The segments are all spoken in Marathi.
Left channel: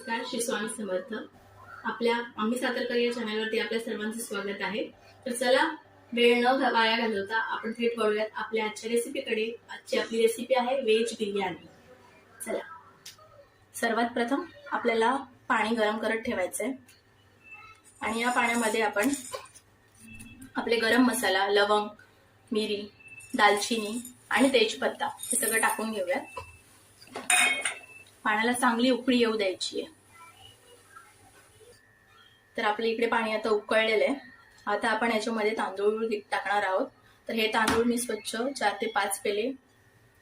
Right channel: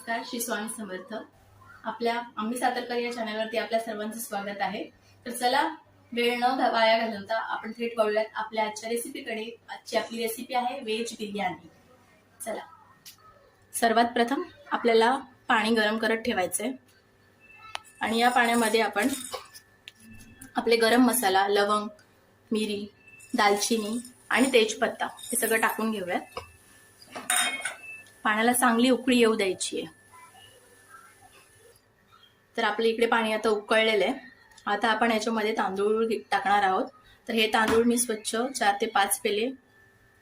नमस्कार, श्री स्वामी समर्थ. आपल्या आम्ही सातारकर या चॅनलवरती आपल्या सर्वांचं स्वागत आहे. तर चला, वेळ न वाया घालवता आपण थेट वळूयात आपल्या आजच्या रेसिपीकडे. आजची आपली रेसिपी आहे व्हेज बिर्याणी. चला, सर्वात प्रथम आपल्याला पाणी गरम करत ठेवायचंय आणि या पाण्यामध्ये आपण आपले गरम मसाला, लवंग, मिरी, दालचिनी आणि तेजपत्ता हे सगळं टाकून घेऊयात. पाण्याला चांगली उकळी येऊ द्यायची आहे. तर आपल्या इकडे पाणी आता उकळलेलं आहे. आता आपण याच्यामध्ये तांदूळ टाकणार आहोत. तर हे तांदूळ मी स्वच्छ 4 ते 5 पेले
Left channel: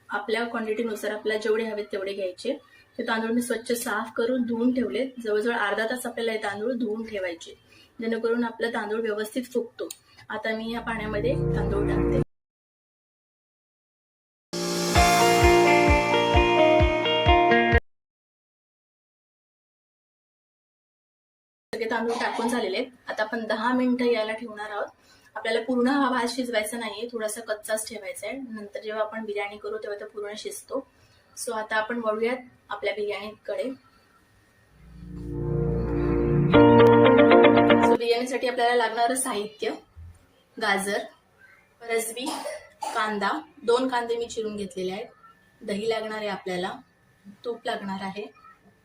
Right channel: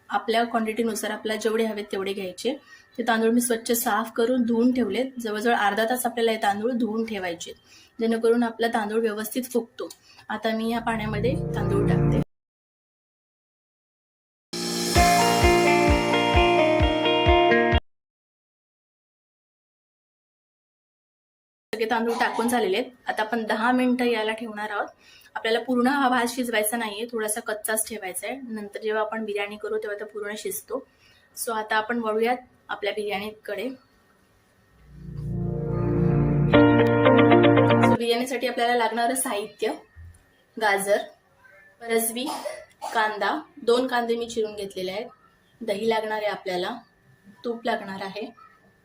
आपल्या क्वांटिटीनुसार आपल्याला जेवढे हवेत तेवढे घ्यायचे. ते तांदूळ मी स्वच्छ साफ करून धुवून ठेवलेत. जवळजवळ अर्धा तास आपल्याला हे तांदूळ धुवून ठेवायचे, जेणेकरून आपला तांदूळ व्यवस्थित फुगतो. आता मी या पाण्यामध्ये तांदूळ टाकते. तांदूळ टाकून झालेले आहेत. आता आपण 10 मिनिटं याला ठेवणार आहोत. आपल्याला पूर्ण हा भात शिजवायचा नाहीये, थोडासा कच्चाच ठेवायचा आहे. नंतर जेव्हा आपण बिर्याणी करू तेव्हा तो पूर्ण शिजतो. सो आता आपण वळूयात आपल्या बिर्याणीकडे. बिर्याणीसाठी आपल्याला लागणारं साहित्य: गाजर, फरसबी, कांदा, 2 कांदे मी चिरून घेतलेले आहेत, दही लागणार आहे आपल्याला, तूप लागणार आहे,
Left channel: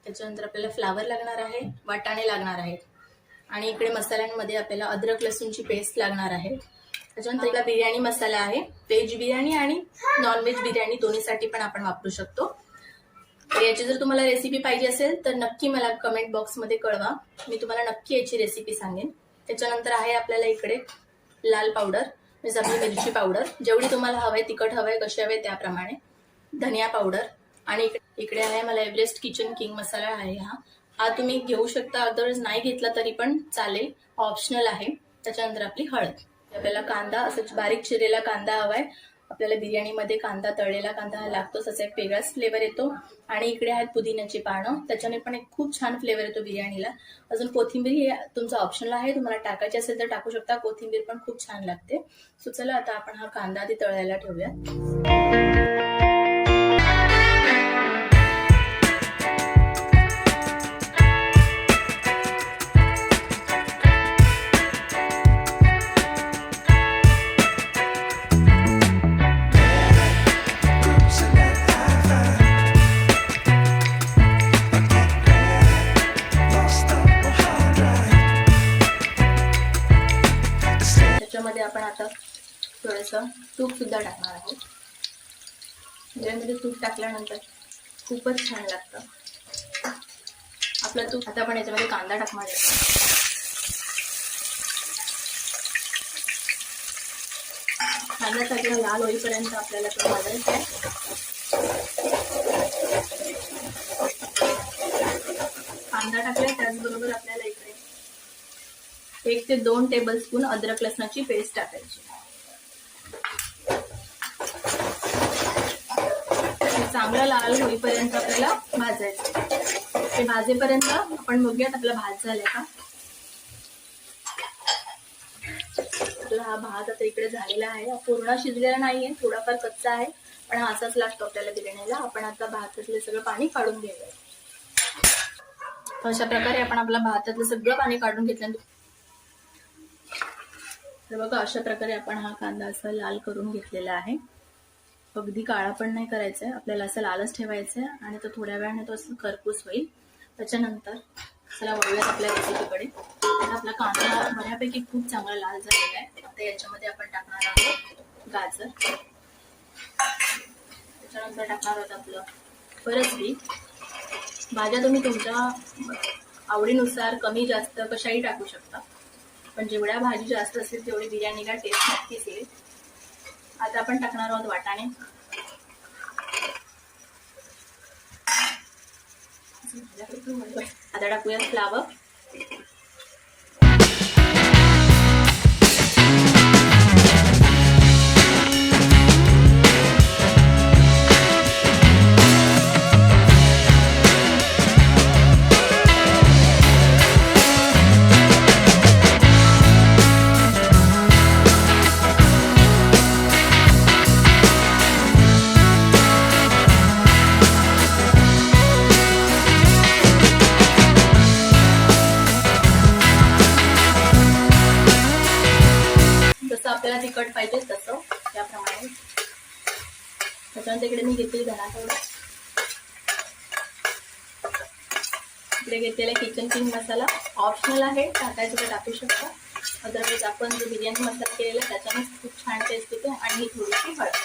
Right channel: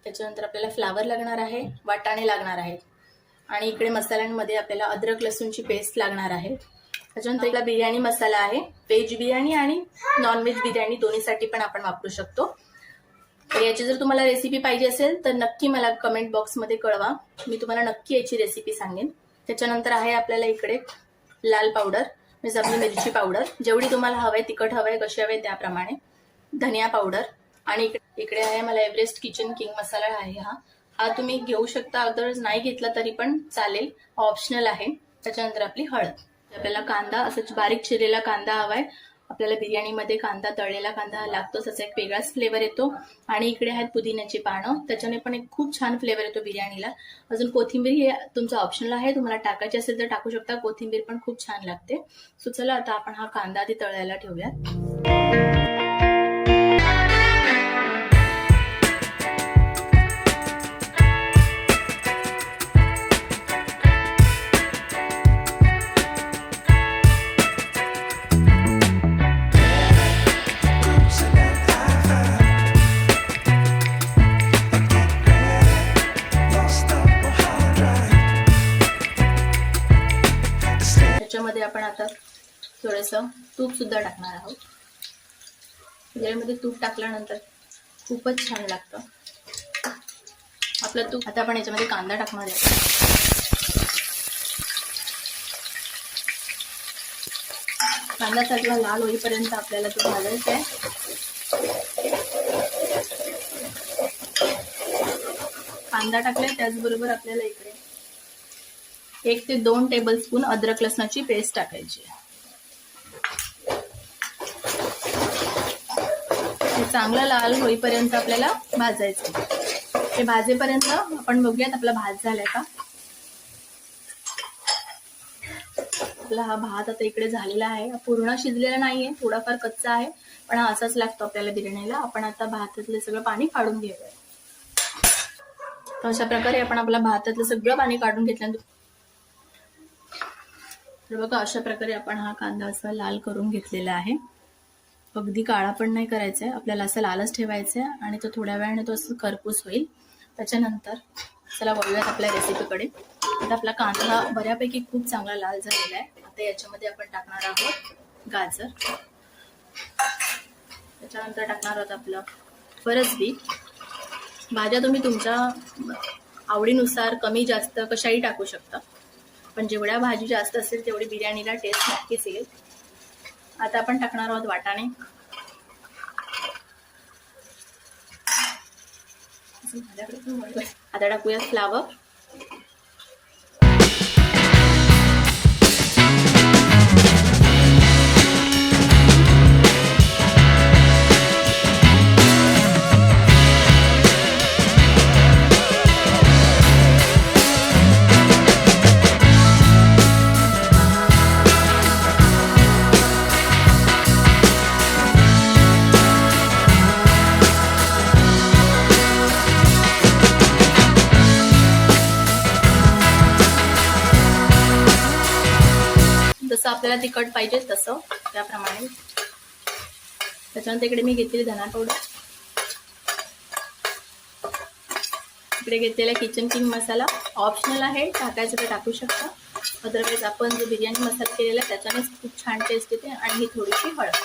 त्याच्यानंतर आपल्याला फ्लावर लागणार आहे, वाटाणे लागणार आहेत आणि इकडे मसाल्यांमध्ये आपल्याला अद्रक लसूणची पेस्ट लागणार आहे. त्याच्यानंतर इकडे बिर्याणी मसाला आहे. व्हेज बिर्याणी आणि नॉनव्हेज बिर्याणी दोन्हीसाठी पण आपण वापरू शकतो. तर याची जर तुम्हाला रेसिपी पाहिजे असेल तर नक्की मला कमेंट बॉक्समध्ये कळवा, मी तुम्हाला नक्की याची रेसिपी सांगेन. त्याच्यानंतर आहे आपल्याला इकडे लाल पावडर, म्हणजे आपली मिरची पावडर, जेवढी तुम्हाला हवे, तिखट हवे, कशी हवे त्याप्रमाणे, धनिया पावडर आणि इकडे आहे मला एव्हरेस्ट किचन किंग मसाला आहे. हा तुम्ही घेऊ शकता, अदरवाईज नाही घेतला तरी पण चालेल, ऑप्शनल आहे. त्याच्यानंतर आपली हळद. आपल्याला कांदा, असं बारीक चिरलेला कांदा हवाय. आपल्याला बिर्याणीमध्ये कांदा, तळलेला कांदा लागतोच, असा एक वेगळाच फ्लेवर येतो. आणि इकडे आहेत पुदिन्याची पानं, त्याच्याने पण एक खूप छान फ्लेवर येतो बिर्याणीला. अजून कोथिंबीर ही तुमचा ऑप्शनल आहे, तुम्हाला टाकायची असेल तर टाकू शकता. कोथिंबीर पण खूप छान लागते. सो चला, आता आपण हा कांदा आधी तळायला ठेवूयात. त्याच्यामध्ये आपण आता थोडंसं तूप सुद्धा टाकणार आहोत. बिर्याणीमध्ये तूप टाकल्यानंतर खूपच छान लागतं आपलं तूप. आता आपण याच्यामध्ये कांदा टाकणार आहे. कांदा चांगला लाल होईपर्यंत आपल्याला तो भाजायचा आहे. कांदा टाकलाय, त्याचबरोबर आपल्याला इकडे 1 ते 2 टेबलस्पून अद्रक लसणाची पेस्ट टाकायची. चांगला लाल होईपर्यंत आपल्याला भाजायचं. हे भाजेपर्यंत आपण बघूयात आपला भात झालाय का. आपला हा भात आता इकडे झालेला आहे. पूर्ण शिजलेला नाहीये, थोडाफार कच्चा आहे, पण हा असाच लागतो आपल्याला बिर्याणीला. आपण आता भातातलं सगळं पाणी काढून घेऊया. तर अशा प्रकारे आपण आपला भातातलं सगळं पाणी काढून घेतल्यानंतर, तर बघा, अशा प्रकारे आपण हा कांदा असा लाल करून घेतलेला आहे. अगदी काळा पण नाही करायचा आहे, आपल्याला असं लालच ठेवायचं आहे आणि तो थोड्या वेळाने तो असं खरपूस होईल. त्याच्यानंतर चला वळूयात आपल्या रेसिपीकडे. आता आपला कांदा बऱ्यापैकी खूप चांगला लाल झालेला आहे. आता याच्यामध्ये आपण टाकणार आहोत गाजर, त्याच्यानंतर टाकणार आहोत आपलं फरसबी. भाज्या तुम्ही तुमच्या आवडीनुसार कमी जास्त कशाही टाकू शकता, पण जेवढ्या भाजी जास्त असेल तेवढी बिर्याणीला टेस्ट नक्कीच येईल. आता आपण टाकणार आहोत वाटाणे. आता टाकूया फ्लावर. तिखट पाहिजे तसं त्याप्रमाणे. त्याच्यानंतर इकडे मी घेतलेली धना पावडर, इकडे घेतलेला किचन किंग मसाला. ऑप्शनल आहे, टाकायचं तर टाकू शकता. अदरवाईज आपण जो बिर्याणी मसाला केलेला त्याच्यानेच खूप छान टेस्ट येते. आणि ही थोडीशी हळद.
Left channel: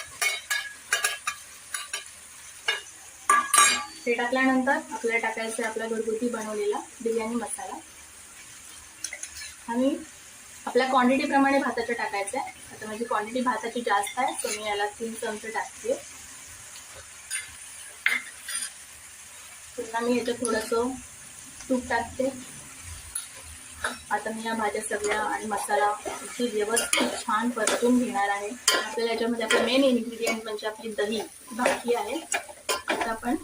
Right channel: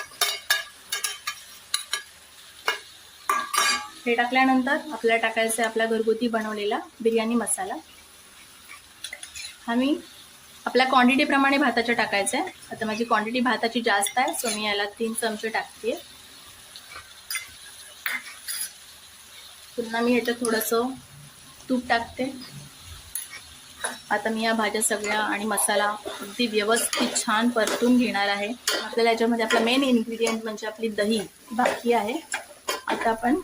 हे टाकल्यानंतर आपल्याला टाकायचं आहे आपला घरगुती बनवलेला बिर्याणी मसाला. आम्ही आपल्या क्वांटिटीप्रमाणे भाताचं टाकायचं आहे. आता माझी क्वांटिटी भाताची जास्त आहे, सो मी याला 3 चमचे टाकते. पुन्हा मी ह्याच्यात थोडंसं तूप टाकते. आता मी या भाज्या सगळ्या आणि मसाला अगदी व्यवस्थित छान परतून घेणार आहे. आपल्याला याच्यामध्ये आपला मेन इन्ग्रेडियंट म्हणजे आपली दही बाकी आहे. आता आपण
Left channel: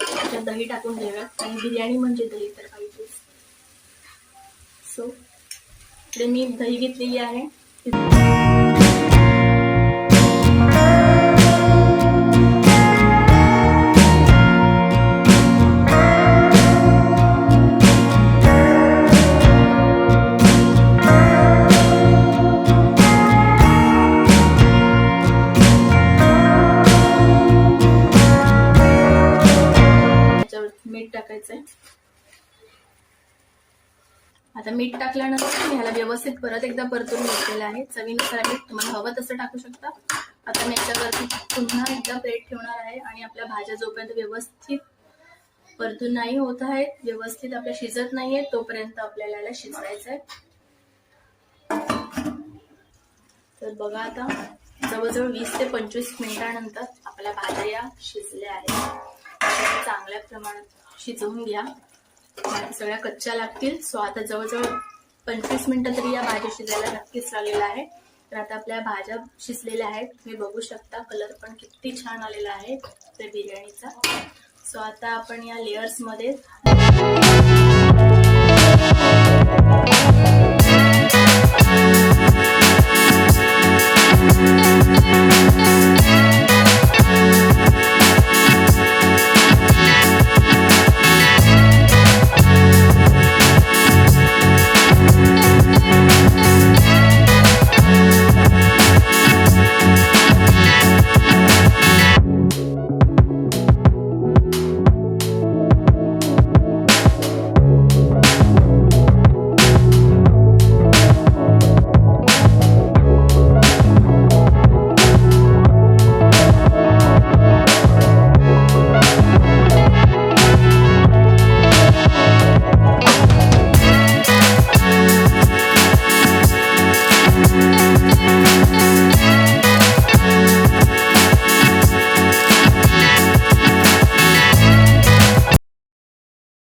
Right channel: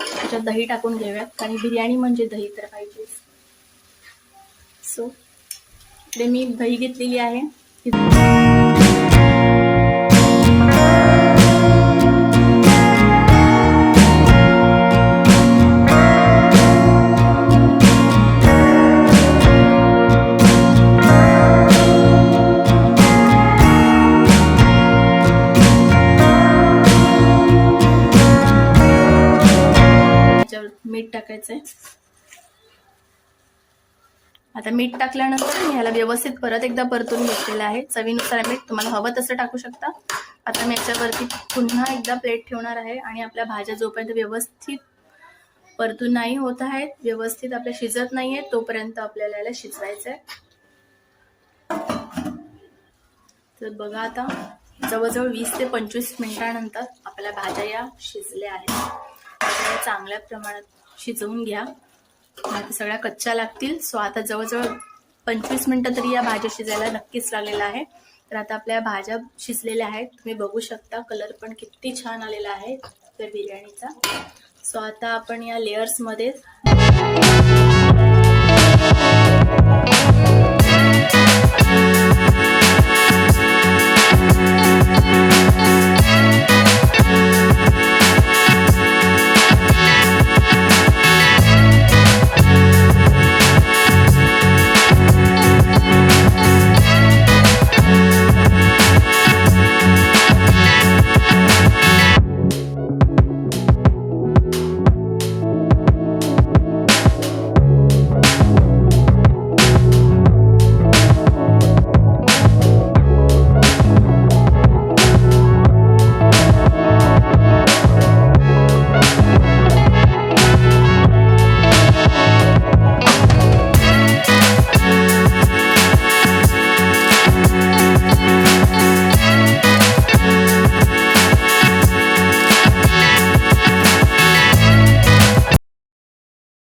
त्याच्यात दही टाकून घेऊया, कारण बिर्याणी म्हणजे दही तर पाहिजेच. सो इकडे मी दही घेतलेली आहे. मीठ टाकायचंय. आता मीठ टाकल्यानंतर ह्याला व्यवस्थित परत एकदा परतून घेतलेलं आहे. चवीनुसार मीठ तुम्हाला हवं तसं टाकू शकता. आता मी याच्यावरती पुन्हा एकदा प्लेट ठेवणार आहे आणि आपल्या भाज्या जोपर्यंत व्यवस्थित परतून नाही होत आहेत, व्यवस्थित आपल्या शिजत नाहीये, तोपर्यंत आपल्याला याला शिजवायचं आहे. तर बघा आता जवळजवळ 20 ते 25 मिनिटांनंतर आपल्या भाज्या या शिजल्या आहेत. चांगल्या प्रमाणात शिजवून घ्या, बाकी सगळ्या कच्च्या लागतील. सो आता जवळजवळ 25 मिनिटं तरी या भाज्या शिजायला नक्कीच लागलेला आहे. तर आता आपल्या भाज्या शिजलेल्या आहेत, तुम्ही बघू शकता. कलर पण किती छान आलेला आहे त्या बिर्याणीचा. सो आता आपण या लेयर्समध्ये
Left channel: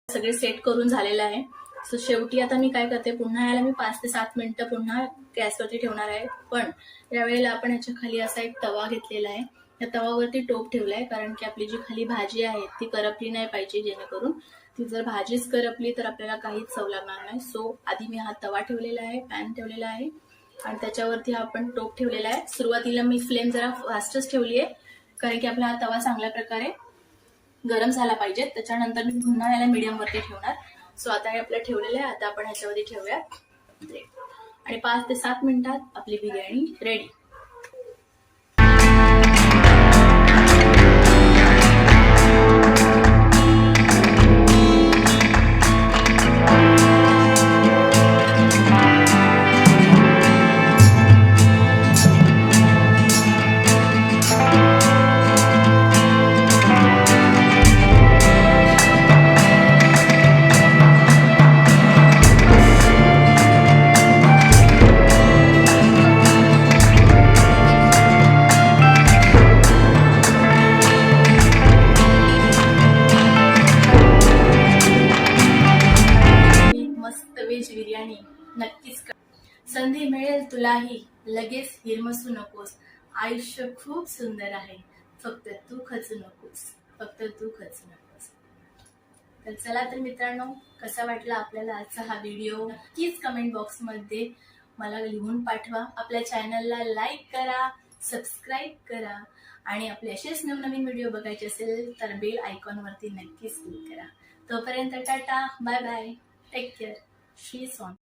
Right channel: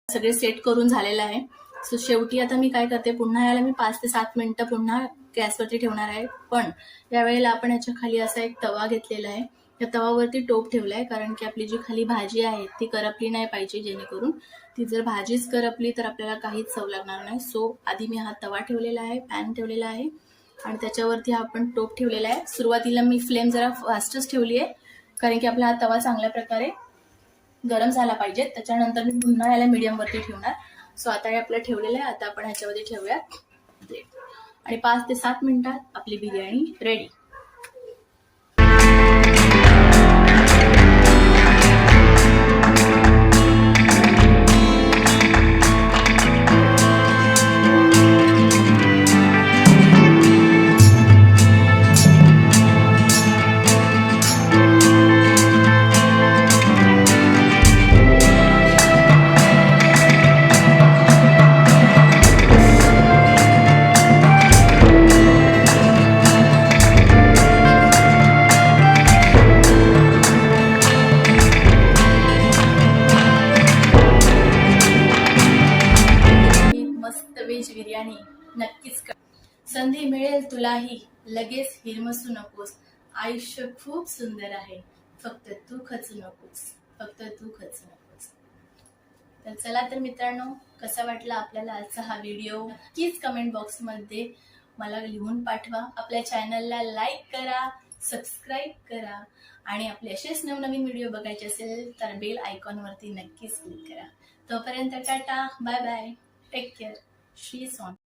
सगळे सेट करून झालेलं आहे. सो शेवटी आता मी काय करते, पुन्हा याला मी 5 ते 7 मिनिटं पुन्हा गॅसवरती ठेवणार आहे. पण यावेळेला आपण याच्या खाली असा एक तवा घेतलेला आहे. त्या तवावरती टोप ठेवलाय, कारण की आपली जी खाली भाजी आहे ती करपली नाही पाहिजे, जेणेकरून ती जर भाजीच करपली तर आपल्याला काहीच चव लागणार नाही. सो आधी मी हा तवा ठेवलेला आहे, पॅन ठेवलेला आहे आणि त्याच्यावरती हा आपण टोप ठेवलेला आहे. सुरुवातीला मी फ्लेम जरा फास्टच ठेवली आहे, कारण की आपला हा तवा चांगल्या प्रकारे गरम झाला पाहिजे. त्याच्यानंतर मी पुन्हा याला मीडियम वरती ठेवणार. सो आता हे आपलं ठेवलेलं आहे. आता आपण ह्याच्यामध्ये ठेवूया आणि 5 ते 7 मिनिटात आपली बिर्याणी रेडी. बिर्याणी नक्कीच कर. संधी मिळेल तुलाही, लगेच हिरमसू नकोस. आयुष्य खूप सुंदर आहे, फक्त तू खचू नकोस, फक्त तू खचू नकोस. तर चला तर मित्रांनो, कसा वाटला आपल्याला आजचा हा व्हिडिओ नक्कीच कमेंट बॉक्समध्ये मला लिहून पाठवा. आपल्या चॅनलला लाईक करा, सबस्क्राईब करा आणि आपले असेच नवनवीन व्हिडिओ बघायचे असेल तर बेल आयकॉनवरती नक्कीच क्लिक करा. तोपर्यंत tata, bye bye, take care. She's on.